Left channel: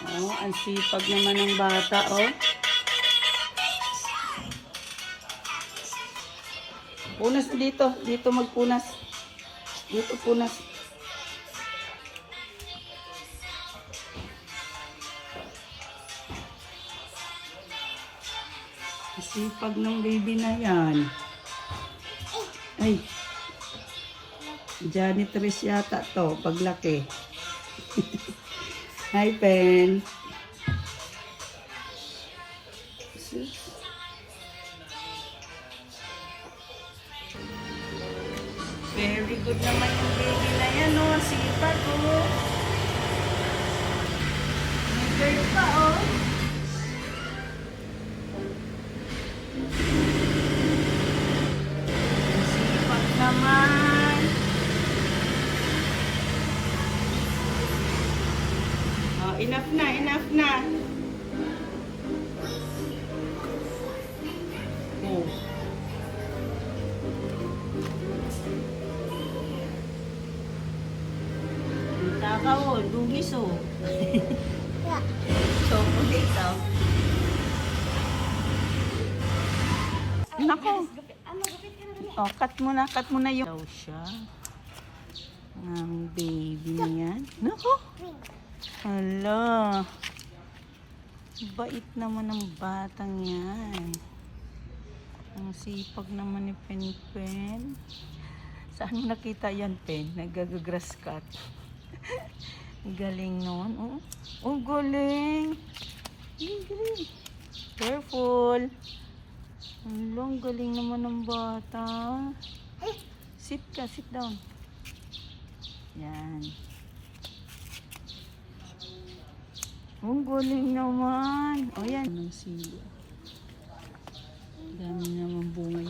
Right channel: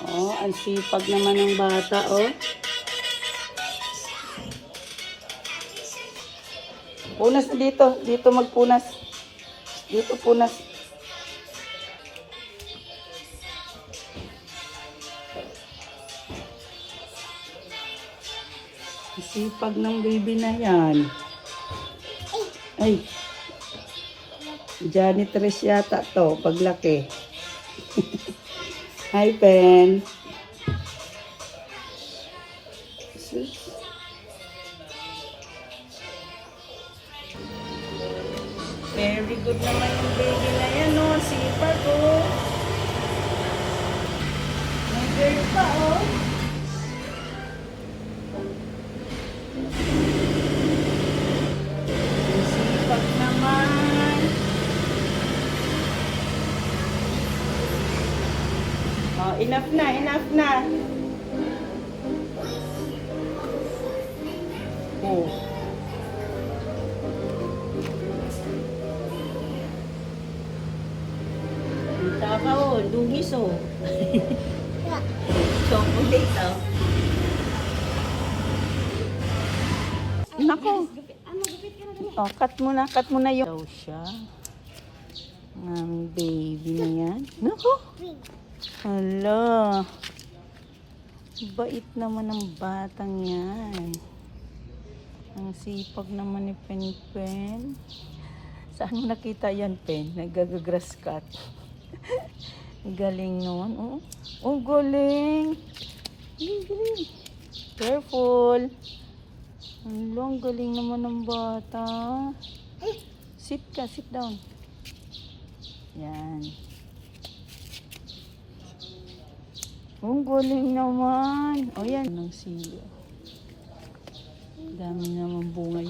Oh, ang sipag naman ng bata, oh. Punas na dito. Dito magpunas. Dito punas. Ang sipag ng baby na yan. Ay. Janitress yata to, paglaki. Hi, Pen. Very good naman yung baby na yan, oh. Sipag, oh. May girl pa, oh. Sipag naman. Oh, enough na, enough na. Oh. Taka, oh, dugis, oh. Chocolate, oh. Naku. Oh, cut mo na yung siya. Ang baby niya. Naku. Hala. Bait naman ang batang yan. Ang sipag naman ni Pen. Saan mo nakita yan, Pen? Nag-grass cut. Galing naman, oh. Oh, galing. Galing. Careful. Ang galing naman ng bata. Sit ka, sit down. Yan. Ang galing naman. Ayan, ang siya. Dami naman bunga.